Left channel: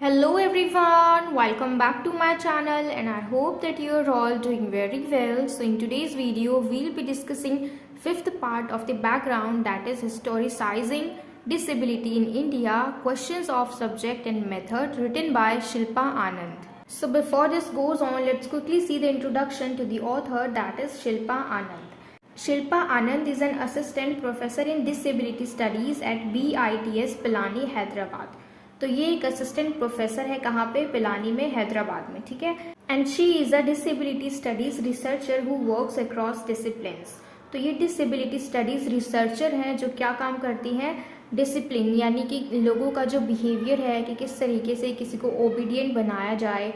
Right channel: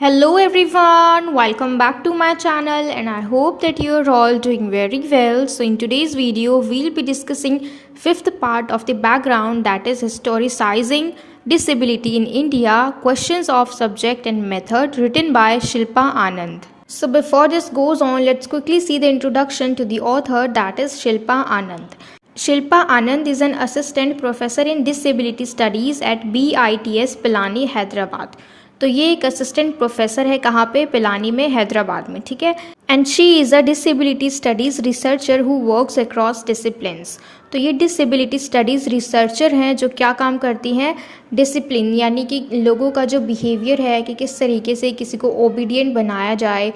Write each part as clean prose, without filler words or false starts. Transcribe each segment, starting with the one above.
Hello everyone, welcome back to my channel and I hope that you are all doing very well. So in today's video, we'll be discussing fifth part of the background, that is historicizing disability in India, questions of subject and method, written by Shilpa Anand. So before this goes on, let's quickly see the introduction to the author, that is Shilpa Anand. Shilpa Anand is an assistant professor in disability studies at BITS Pilani, Hyderabad. तो ये एक assistant professor है कहाँ पे, पिलानी में, हैदराबाद में, ठीक है। And she is a disability studies researcher who works across disciplines. तो ये डिसेबिलिटी स्टडीज़ रिसर्चर हैं जो क्या काम करती हैं, डिसिप्लिन यानी कि लोगों का जो बिहेवियर है कि किस तरीके से किसी को ओबीडियंट बनाया जाए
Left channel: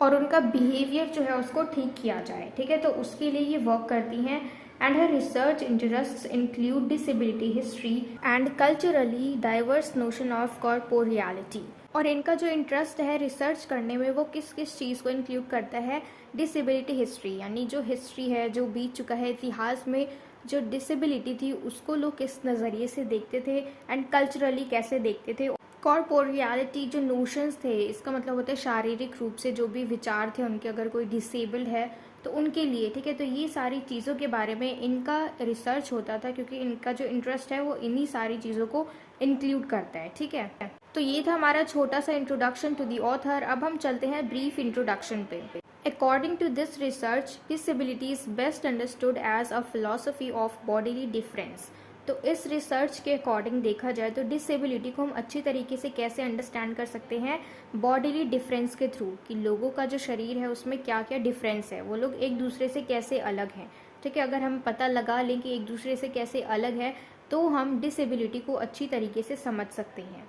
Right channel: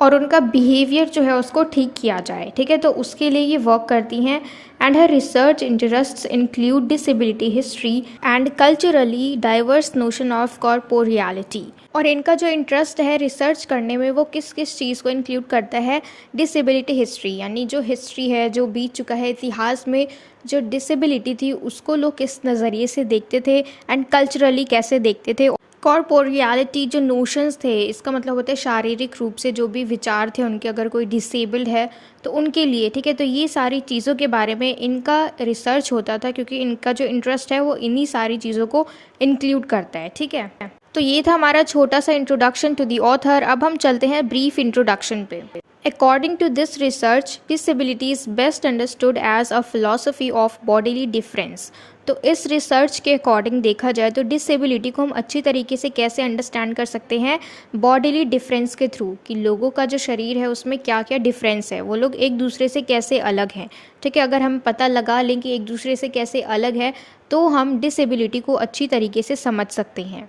और उनका बिहेवियर जो है उसको ठीक किया जाए, ठीक है। तो उसके लिए ये वर्क करती हैं। And her research interests include disability history and culturally diverse notion of corporeality. और इनका जो इंटरेस्ट है रिसर्च करने में वो किस किस चीज़ को इंक्लूड करता है, डिसेबिलिटी हिस्ट्री यानी जो हिस्ट्री है, जो बीत चुका है इतिहास में, जो डिसेबिलिटी थी उसको लोग किस नज़रिए से देखते थे एंड कल्चरली कैसे देखते थे। कॉर्पोरियलिटी जो नोशंस थे, इसका मतलब होता है शारीरिक रूप से जो भी विचार थे उनके, अगर कोई डिसेबल्ड है तो उनके लिए, ठीक है। तो ये सारी चीज़ों के बारे में इनका रिसर्च होता था क्योंकि इनका जो इंटरेस्ट है वो इन्हीं सारी चीज़ों को इंक्लूड करता है, ठीक है। तो ये था हमारा छोटा सा इंट्रोडक्शन टू दी ऑथर। अब हम चलते हैं ब्रीफ इंट्रोडक्शन पे। According to this research, disability is best understood as a philosophy of bodily difference. तो इस रिसर्च के अकॉर्डिंग देखा जाए तो डिसेबिलिटी को हम अच्छी तरीके से कैसे अंडरस्टैंड कर सकते हैं, बॉडीली डिफरेंस के थ्रू, कि लोगों का जो शरीर है उसमें क्या क्या डिफरेंस है, वो लोग एक दूसरे से कैसे अलग हैं, ठीक है। अगर हम पता लगा लें कि एक दूसरे से कैसे अलग है तो हम डिसेबिलिटी को अच्छी तरीके से समझ सकते हैं।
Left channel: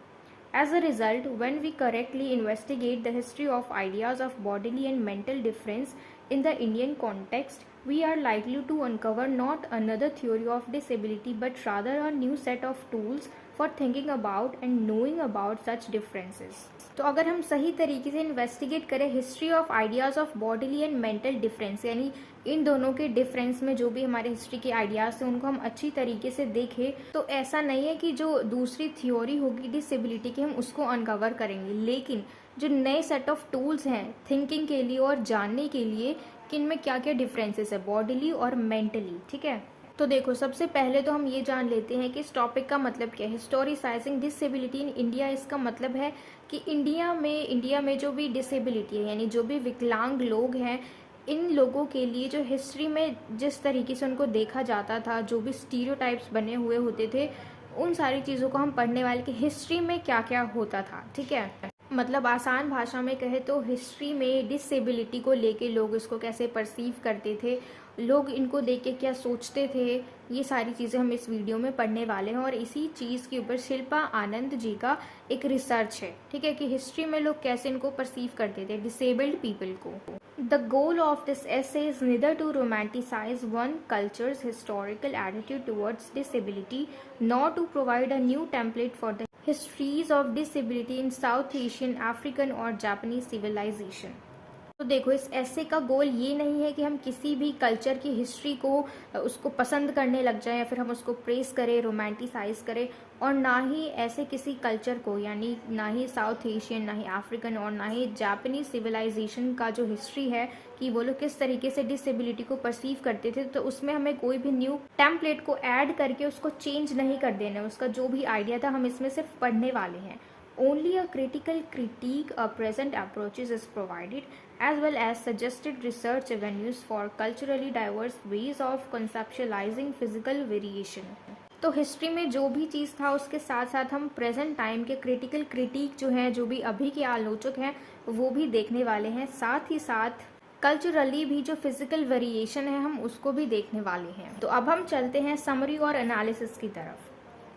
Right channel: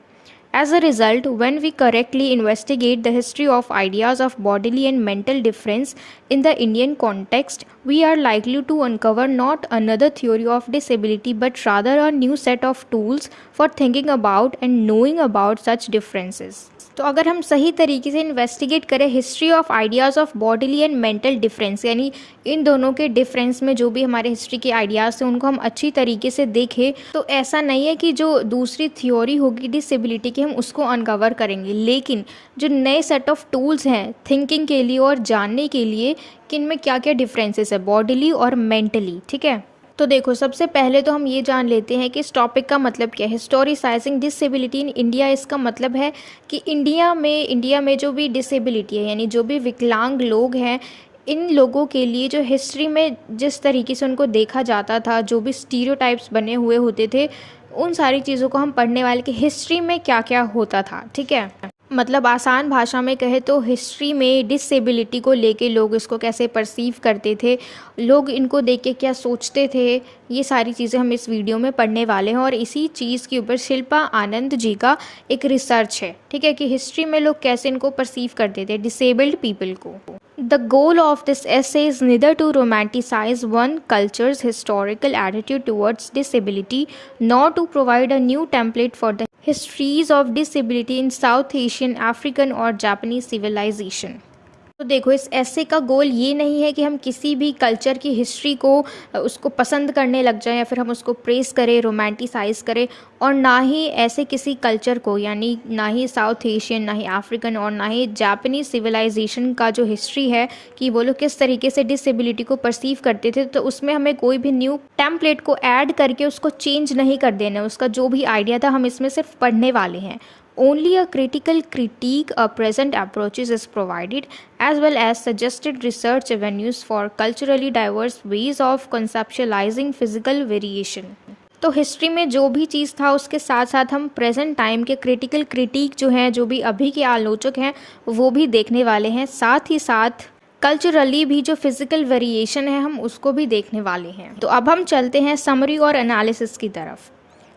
As a result, when we correctly investigate the history of ideas of bodily and mental difference in the Indian context, we are likely to uncover not another theory of disability but rather a new set of tools for thinking about and knowing about such differences. तो अगर हम सही तरीके से investigate करें history of ideas of bodily and mental difference, यानी इन दोनों के डिफरेंस में जो भी हमारे हिस्ट्री के आइडियाज़ थे उनको हम अच्छी तरीके से देखें, तो ऐसा नहीं है कि जो दूसरी थ्योरी होगी डिसेबिलिटी की हम उसको अनकवर करेंगे, लेकिन जो नए सेट ऑफ टूल्स हैं थिंकिंग के लिए और जानने के लिए कि इनमें क्या क्या डिफरेंसेस है बॉडीली और मेंटली, ठीक है। तो देखो, सबसे पहले तो हम ये जान लेते हैं कि इस टॉपिक का मतलब क्या है, हिस्टोरिसाइजिंग डिसेबिलिटी इन इंडिया। इसका मतलब है कि इंडिया में जो भी डिसेबिलिटी है यानी जो भी विकलांग लोग हैं, इन लोगों के लिए जो हिस्ट्री में जिस तरीके से उनको देखा जाता था, जो भी स्टीरियोटाइप्स बने हुए होते थे, उन सारी चीज़ों को हम पढ़ने वाले कि हिस्ट्री में क्या क्या होता था, ठीक है। मतलब आसान भाषा में कहे तो हिस्ट्री में डिसेबिलिटी को लेके लोग इसको कैसे परसीव करते थे, लोग इनको देख के क्या सोचते थे, ये सारी चीज़ें हम इस वीडियो में पढ़ने वाले हैं। और इसी चीज़ के ऊपर शिल्पा आनंद जी का एक रिसर्च है, ठीक है, कि हिस्ट्री में लोग कैसे इनको परसीव करते थे, डिसेबल्ड पीपल को। The goal of this essay is neither to romanticize one culture's historical attitude towards disability nor to provide a new template for the histories of disability in South Asian, African or Japanese civilization. तो देखो, इस ऐसे का गोल ये नहीं है कि हम किसी भी कल्चर की हिस्ट्री को उसको पसंद करने लग जाएं या फिर हम उसको प्रेस करें, रोमांटिसाइज़ करें, और ना ही ऐसे किसी कल्चर को, यानी ना ही साउथ एशियन, ना ही अफ्रीकन और ना ही जापानीज़ सिविलाइजेशन का जो हिस्ट्री है कि वो लोग किस तरीके से डिसेबिलिटी को परसीव करते थे, तो उसमें हमें कोई भी न्यू टेम्पलेट को ऐड करके उसको चेंज नहीं कर देना। उसका जो भी आइडिया था हम इसमें सिर्फ पढ़ने वाले हैं। Only a critical critique of present approaches is provided, as well as suggested research avenues for culturally diverse ways of conceptualizing physical variation. तो हिस्ट्री में जो भी चीज़ था उसके साथ साथ हम प्रेजेंट टाइम के क्रिटिकल क्रिटिक जो हैं, जो भी अभी के आलोचक हैं, वो भी देखने वाले हैं। साथ ही साथ कल्चरली भी जो फिज़िकल वेरिएशन है हम उसको भी देखने वाले हैं। तो अब हम चलते हैं समरी और एनालिसिस की तरफ।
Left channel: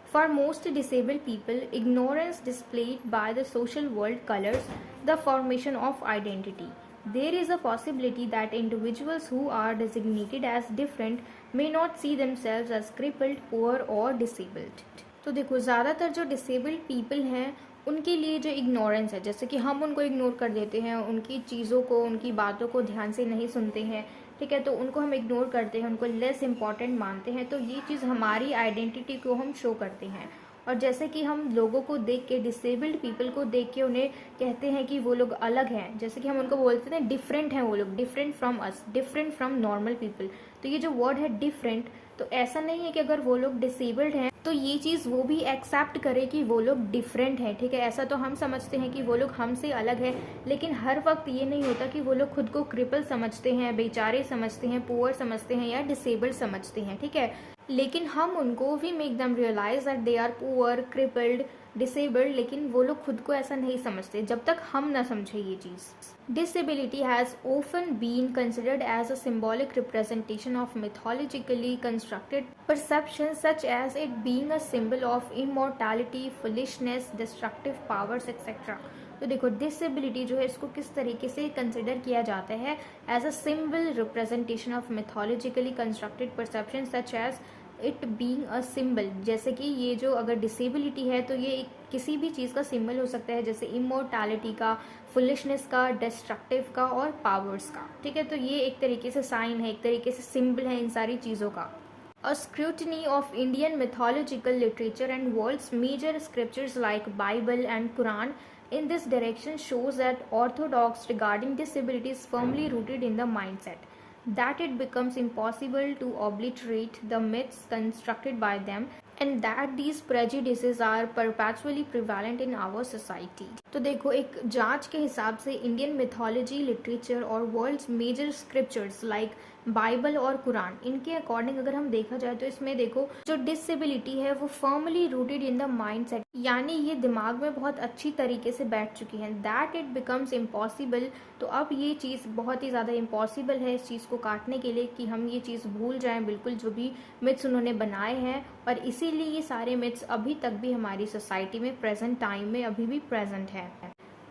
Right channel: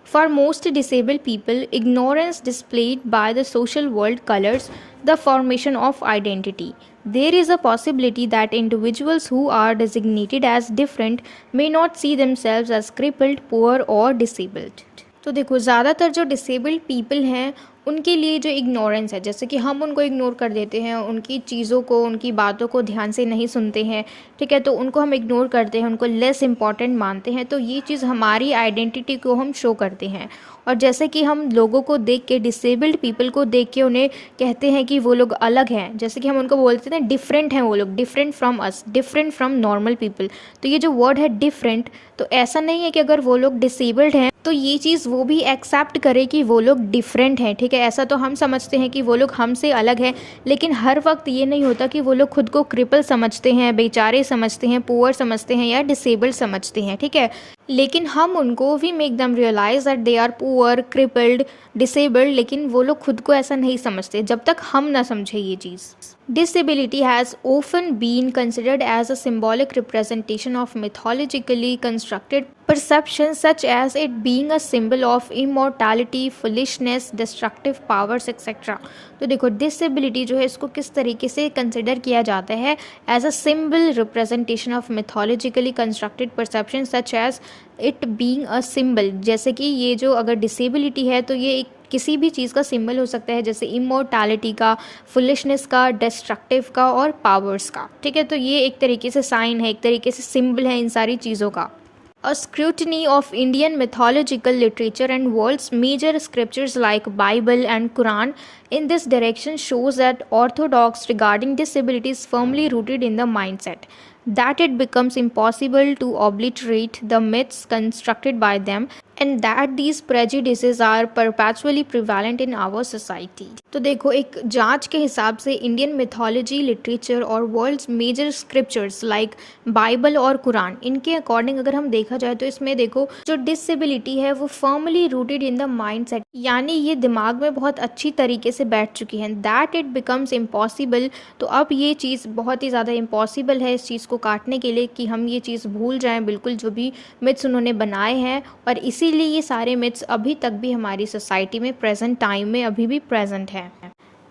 For most disabled people, ignorance displayed by the social world colors the formation of identity. There is a possibility that individuals who are designated as different may not see themselves as crippled, poor or disabled. तो देखो, ज़्यादातर जो disabled people हैं उनके लिए जो ignorance है, जैसे कि हम उनको इग्नोर कर देते हैं, उनकी चीज़ों को, उनकी बातों को ध्यान से नहीं सुनते हैं, ठीक है, तो उनको हम इग्नोर करते हैं, उनको लेस इम्पॉर्टेंट मानते हैं, तो ये चीज़ हमारी आइडेंटिटी को हम शो करते हैं। और जैसे कि हम लोगों को देख के, डिसेबल्ड पीपल को देख के उन्हें कहते हैं कि वो लोग अलग हैं, जैसे कि हम उनको बोलते हैं डिफरेंट हैं वो लोग, different from us, different from normal people. तो ये जो वर्ड है डिफरेंट, तो ऐसा नहीं है कि अगर वो लोग डिसेबल्ड हैं तो ये चीज़ वो भी एक्सेप्ट करे कि वो लोग डिफरेंट हैं, ठीक है। ऐसा तो हम समझते हैं कि वो लोग हमसे अलग हैं, लेकिन हर वक्त ये नहीं होता कि वो लोग खुद को क्रिपल समझते हैं, बेचारे समझते हैं, पुअर समझते हैं या डिसेबल्ड समझते हैं, ठीक है। लेकिन हम उनको we make them realize that they are poor, crippled, disabled, लेकिन वो लोग खुद को ऐसा नहीं समझते जब तक हम ना समझे ये चीज़। Disability has often been considered as a symbolic representation of mythologically constructed perceptions, such as it being a symbol of immortality, foolishness, destructive powers, etc. तो देखो डिसेबिलिटी जो है इसको किस तरीके से कंसिडर किया जाता है, as a symbol representation of mythologically constructed perception such as it being a symbol. जैसे कि ये जो अगर डिसेबिलिटी है तो ये एक किसी भी चीज़ का सिंबल हो सकता है, जैसे इमोर्टैलिटी का, फुलिशनेस का, डिस्ट्रक्टिव का और पावर्स का, ठीक है। तो ये एक तरीके से साइन है, एक तरीके से सिंबल है इन सारी चीज़ों का। A scrutiny of Indian mythological literature and world's major scriptures like Bible and Quran in this direction shows that orthodox regarding disability is firmly rooted in the mindset that it becomes impossible to obliterate the myths constructed by them and that these prejudices are perpetually prevalent in our society। तो देखो एक जांच के हिसाब से Indian mythology, literature और world's major scriptures like Bible और Quran, इनके अकॉर्डिंग अगर हम देखा जाए तो इसमें देखो जो डिसेबिलिटी है वो firmly rooted in the mindset, यानी ये दिमाग में बहुत अच्छी तरीके से बैठ चुकी है। दैट इट बिकम्स इम्पॉसिबल, तो अब ये चीज़ बहुत ही ज़्यादा इम्पॉसिबल है इस चीज़ को काटने के लिए कि हम ये चीज़ भूल जाएं बिल्कुल जो भी मिथ्स उन्होंने बनाए हैं, और इसीलिए ये सारे मिथ्स अभी तक भी हमारी सोसाइटी में प्रेजेंट टाइम में अभी भी प्रेजेंट है।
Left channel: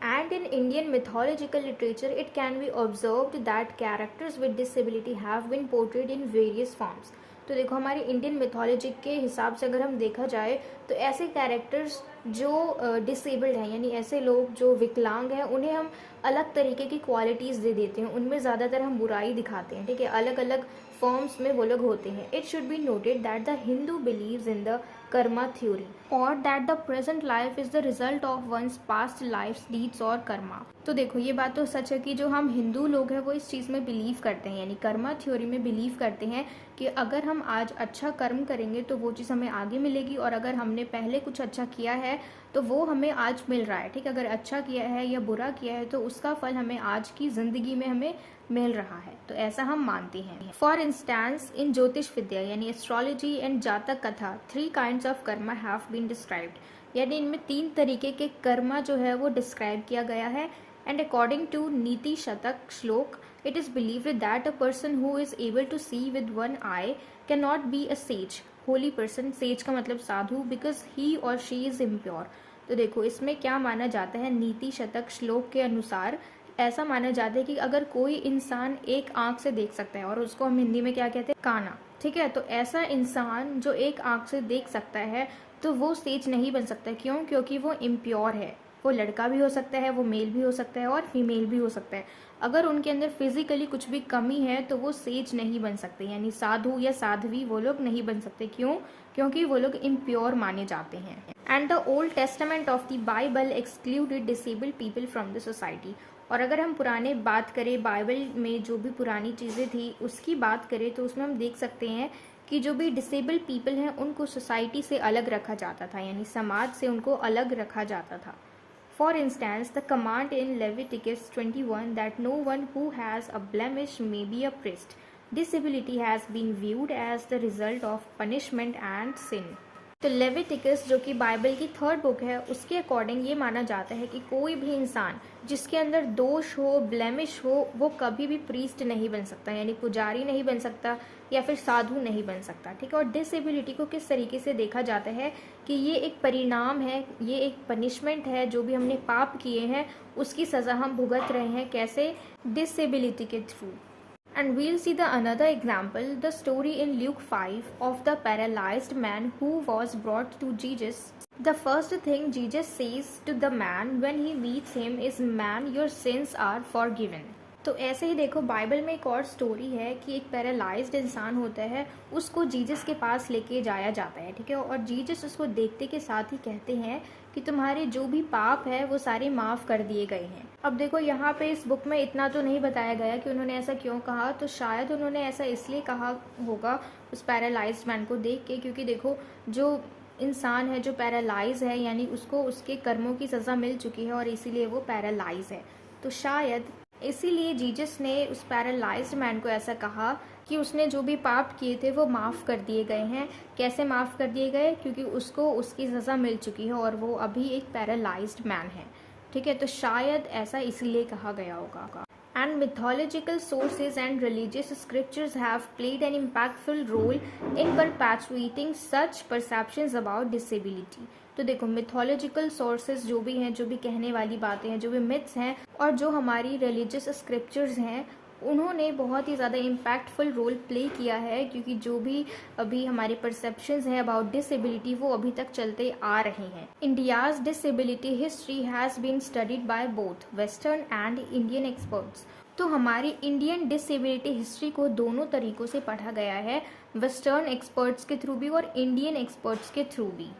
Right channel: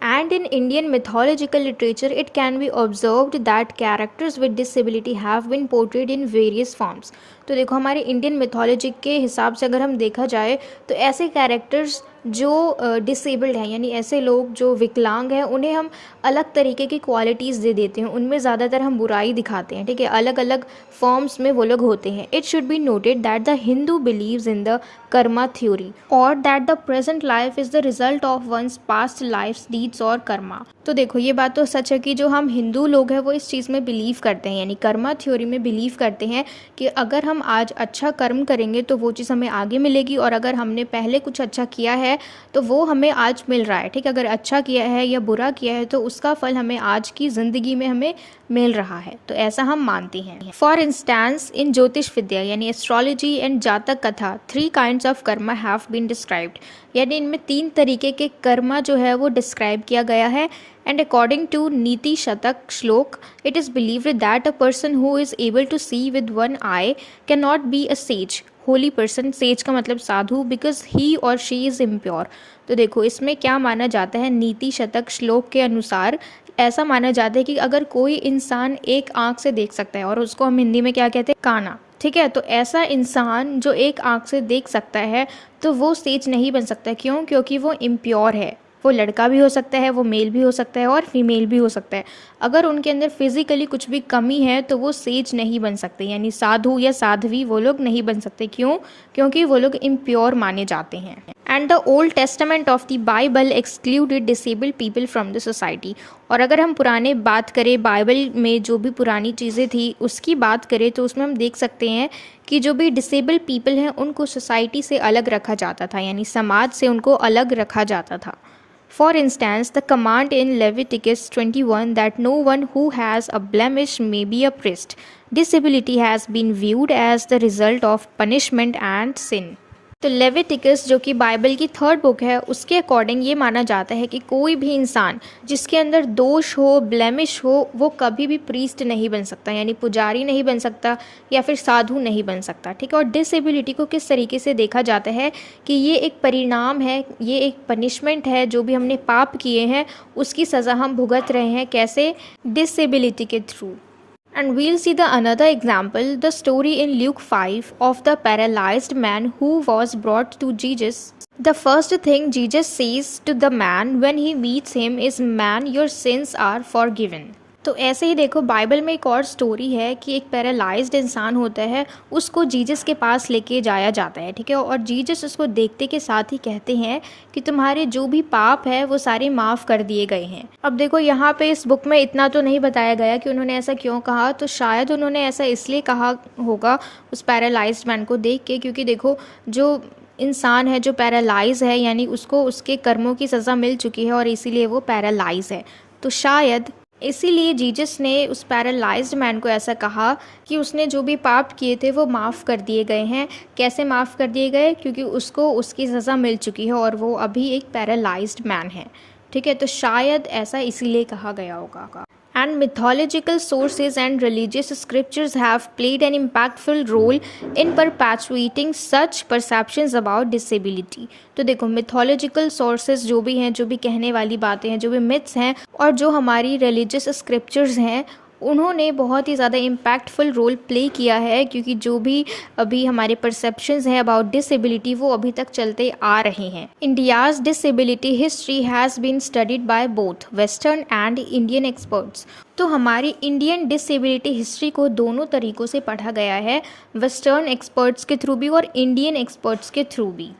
And in Indian mythological literature, it can be observed that characters with disability have been portrayed in various forms। तो देखो हमारे इंडियन मिथोलॉजी के हिसाब से अगर हम देखा जाए तो ऐसे कैरेक्टर्स जो डिसेबल्ड हैं, यानी ऐसे लोग जो विकलांग हैं, उन्हें हम अलग तरीके की क्वालिटीज़ दे देते हैं, उनमें ज़्यादातर हम बुराई दिखाते हैं, ठीक है। अलग अलग फॉर्म्स में वो लोग होते हैं। It should be noted that the Hindu believes in the karma theory और that the present life is the result of one's past lifes deeds और कर्मा। तो देखो ये बात तो सच है कि जो हम हिंदू लोग हैं वो इस चीज़ में बिलीव करते हैं, यानी कर्मा थ्योरी में बिलीव करते हैं कि अगर हम आज अच्छा कर्म करेंगे तो वो चीज़ हमें आगे मिलेगी, और अगर हमने पहले कुछ अच्छा किया है तो वो हमें आज मिल रहा है, ठीक है। अगर अच्छा किया है या बुरा किया है तो उसका फल हमें आज की ज़िंदगी में हमें मिल रहा है, तो ऐसा हम मानते हैं। फॉर इंस्टेंस इन ज्योतिष विद्या यानी astrology and Jataka Katha 3 kinds of karma have been described, यानी इनमें 3 तरीके के कर्मा जो है वो डिस्क्राइब किया गया है। And according to नीति शतक श्लोक, it is believed that a person who is able to see with one eye cannot be a sage, holy person, sage का मतलब साधु, because he or she is impure। तो देखो इसमें क्या माना जाता है, नीति शतक श्लोक के अनुसार ऐसा माना जाता है कि अगर कोई इंसान एक आँख से देख सकता है, और उसको हम हिंदी में क्या कहते हैं, काना, ठीक है, तो ऐसा इंसान जो एक आँख से देख सकता है तो वो सेज नहीं बन सकता। क्यों? क्योंकि वो इम्प्योर है। वो लड़का भी हो सकता है, वो मेल भी हो सकता है और फीमेल भी हो सकता है। अगर उनके अंदर फिजिकली कुछ भी कमी है तो वो सेज नहीं बन सकते, यानी साधु या साध्वी वो लोग नहीं बन सकते। क्यों? क्योंकि वो लोग इम्प्योर माने जाते हैं। And the old testament of the Bible excluded disabled people from the society. और अगर हम पुराने बात करें, बाइबल में जो भी पुरानी चीज़ें थी उसकी बात करें तो उसमें हम देख सकते हैं कि जो भी डिसेबल्ड पीपल हैं उनको सोसाइटी से अलग रखा जाता था, यानी समाज से उनको अलग रखा जाता था। For instance, the command in Leviticus 21 that no one who has a blemish may be a priest. Disability has been viewed as the result of punishment and sin. तो लेविटिकस जो कि बाइबल की 3rd बुक है उसके according ये माना जाता है कि कोई भी इंसान जिसके अंदर दोष हो, ब्लेमिश हो, वो कभी भी प्रीस्ट नहीं बन सकता, यानी पुजारी नहीं बन सकता या फिर साधु नहीं बन सकता, ठीक है। और डिसेबिलिटी को किस तरीके से देखा जाता है कि ये एक परिणाम है, ये एक पनिशमेंट है, जो भी हमने पाप किए हैं उसकी सज़ा हम भुगत रहे हैं। कैसे? डिसेबिलिटी के through. And we'll see the another example, the story in Luke 5 of the paralyzed man who was brought to Jesus. The first thing Jesus says to the man when he meets him is, "Man, your sins are forgiven." तो ऐसे ही देखो Bible में एक और story है कि एक paralysed इंसान होता है, उसको जीसस के पास लेके जाया जाता है, ठीक है। और जीसस उसको देखते के साथ ही कहते हैं कि तुम्हारे जो भी पाप है वो सारे माफ़ कर दिए गए हैं। अब देखो यहाँ पे इस बुक में इतना तो नहीं बताया गया कि उन्होंने ऐसा क्यों कहा, तो शायद उन्होंने ऐसा इसलिए कहा होगा उस पैरालाइज्ड मैन को देख के, क्योंकि देखो जो इंसान है जो पैरालाइज है यानी उसको उसके कर्मों की सज़ा मिल चुकी है और इसीलिए वो पैरालाइज है। तो शायद इसीलिए जीसस ने उस पैरालाइज्ड मैन को ऐसा कहा कि उसने जो भी पाप किए थे वो माफ़ कर दिए गए हैं। कैसे माफ़ कर दिए गए? क्योंकि उसको उसकी सज़ा मिल चुकी है और वो अभी एक पैरालाइज्ड मैन है, ठीक है। तो शायद ऐसा इसीलिए कहा गया होगा। And mythological sources and religious scriptures have played an impactful role in perpetuating such perceptions about disability. तो देखो mythological sources जो भी हैं, जो भी कहने वाली बातें हैं, जो भी myths हैं और जो हमारी religious scriptures हैं, उन्होंने बहुत ही ज़्यादा इम्पैक्टफुल रोल प्ले किया है, क्योंकि जो भी अभी हमारे परसेप्शंस हैं अबाउट डिसेबिलिटी वो अभी तक चलते आ रहे हैं। India's disability history has been studied by both western and Indian experts. तो हमारी इंडियन डिसेबिलिटी हिस्ट्री को दोनों तरीक़ों से पढ़ा गया है, वेस्टर्न एक्सपर्ट्स के थ्रू भी और इंडियन एक्सपर्ट्स के थ्रू भी।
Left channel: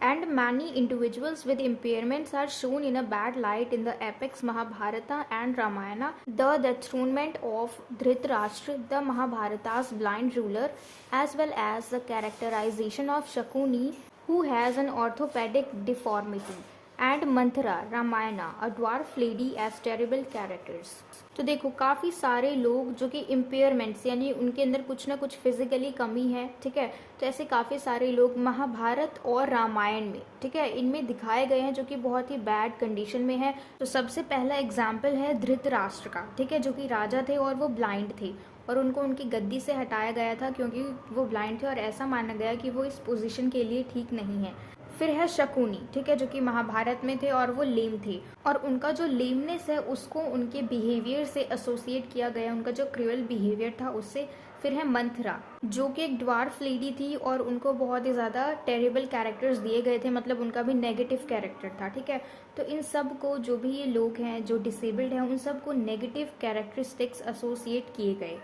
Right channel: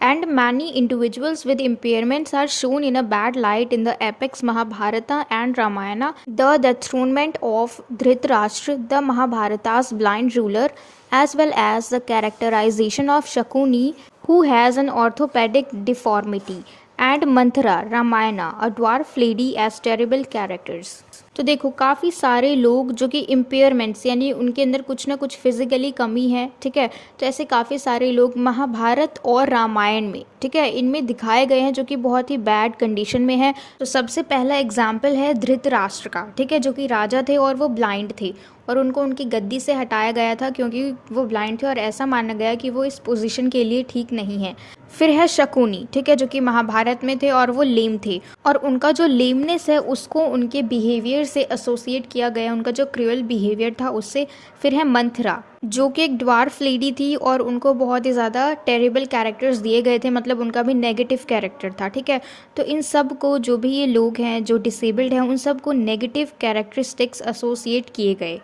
And many individuals with impairments are shown in a bad light in the epics Mahabharata and Ramayana. The dethronement of Dhritarashtra, the Mahabharata's blind ruler, as well as the characterization of Shakuni, who has an orthopedic deformity, and Manthara, Ramayana, a dwarf lady as terrible characters. तो देखो काफ़ी सारे लोग जो कि impairments यानी उनके अंदर कुछ ना कुछ फिजिकली कमी है, ठीक है। तो ऐसे काफ़ी सारे लोग महाभारत और रामायण में, ठीक है, इनमें दिखाए गए हैं जो कि बहुत ही बैड कंडीशन में है। तो सबसे पहला एग्जाम्पल है धृतराष्ट्र का, ठीक है, जो कि राजा थे और वो ब्लाइंड थे और उनको उनकी गद्दी से हटाया गया था क्योंकि वो ब्लाइंड थे और ऐसा माना गया कि वो इस पोजीशन के लिए ठीक नहीं है। फिर है शकुनी, ठीक है, जो कि महाभारत में थे और वो लेम थे और उनका जो लेमनेस है उसको उनके बिहेवियर से एसोसिएट किया गया, उनका जो क्रूअल बिहेवियर था उससे। फिर है मंथरा, जो कि एक ड्वार्फ लेडी थी और उनको बहुत ही ज़्यादा टेरिबल कैरेक्टर्स दिए गए थे, मतलब उनका भी नेगेटिव कैरेक्टर था, ठीक है। तो इन सब को जो भी ये लोग हैं जो डिसेबल्ड हैं उन सब को नेगेटिव कैरेक्टरिस्टिक्स एसोसिएट किए गए।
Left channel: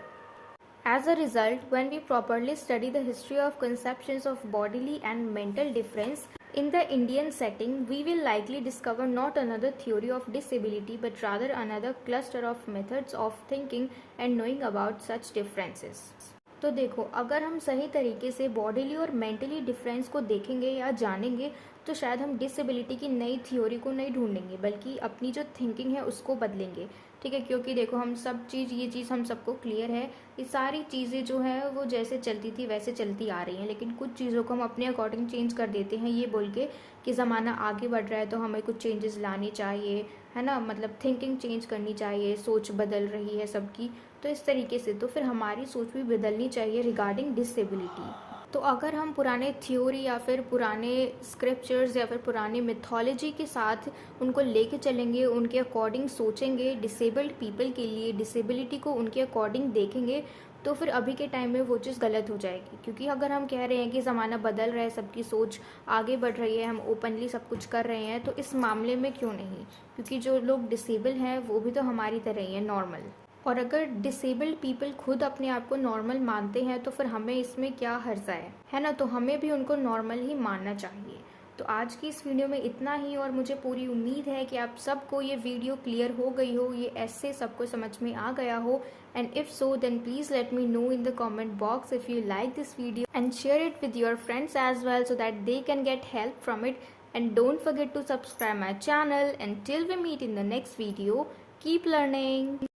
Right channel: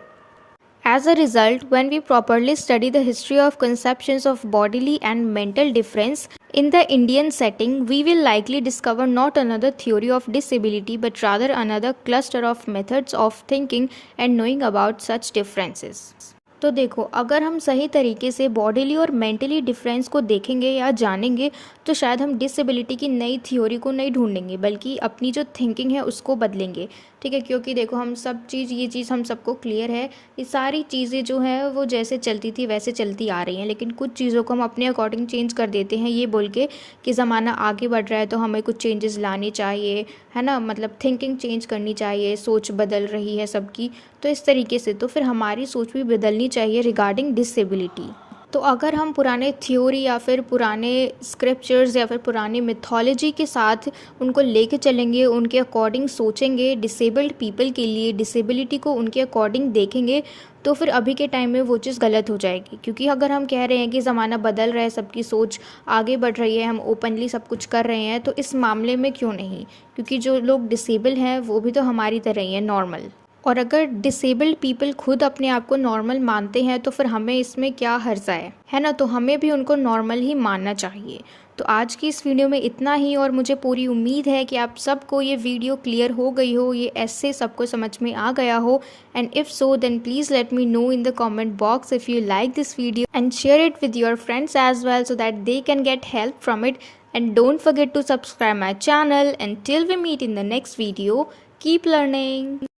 As a result, when we properly study the history of conceptions of bodily and mental difference in the Indian setting, we will likely discover not another theory of disability but rather another cluster of methods of thinking and knowing about such differences. तो देखो अगर हम सही तरीके से bodily और mentally difference को देखेंगे या जानेंगे तो शायद हम डिसेबिलिटी की नई थ्योरी को नहीं ढूंढेंगे बल्कि अपनी जो थिंकिंग है उसको बदलेंगे, ठीक है। क्योंकि देखो हम सब चीज़ ये चीज़ हम सबको क्लियर है, ये सारी चीज़ें जो हैं वो जैसे चलती थी वैसे चलती आ रही हैं, लेकिन कुछ चीज़ों को हम अपने अकॉर्डिंग चेंज कर देते हैं ये बोल के कि ज़माना आगे बढ़ रहा है तो हमें कुछ चेंजेस लाने चाहिए, है ना, मतलब थिंकिंग चेंज करनी चाहिए, सोच बदल रही है सबकी, तो इस तरीके से तो फिर हमारी सोच भी बदलनी चाहिए रिगार्डिंग डिसेबिलिटी। तो अगर हम पुराने थ्योरी या फिर पुराने स्क्रिप्चर्स या फिर पुराने मिथोलॉजी के साथ उनको लेके चलेंगे, उनके अकॉर्डिंग सोचेंगे, डिसेबल्ड पीपल के लिए डिसेबिलिटी को उनके अकॉर्डिंग देखेंगे, तो फिर अभी के टाइम में वो चीज़ गलत हो जाएगी। क्योंकि अगर हम कह रहे हैं कि ज़माना बदल रहा है, सबकी सोच आगे बढ़ रही है, हम ओपनली सब कुछ कर रहे हैं, तो इस मामले में क्यों नहीं, क्योंकि जो लोग डिसेबल हैं वो भी तो हमारी तरह ही है, नॉर्मल। और अगर डिसेबल्ड पीपल खुद अपने आप को नॉर्मल मानते हैं तो फिर हमें इसमें क्या हर्जा है ना, तो हमें भी उनको नॉर्मल ही मानना चाहिए। तो आज की इस वीडियो में इतना ही और मुझे पूरी उम्मीद है कि आप सबको ये वीडियो क्लियर हो गई हो, ये ऐसे सबको समझ में आ गया हो। And if so then please let me know in the comment box if you like this video and share it with your friends as well so that they can get help from it. And don't forget to subscribe my channel and till we meet in the next video, keep learning.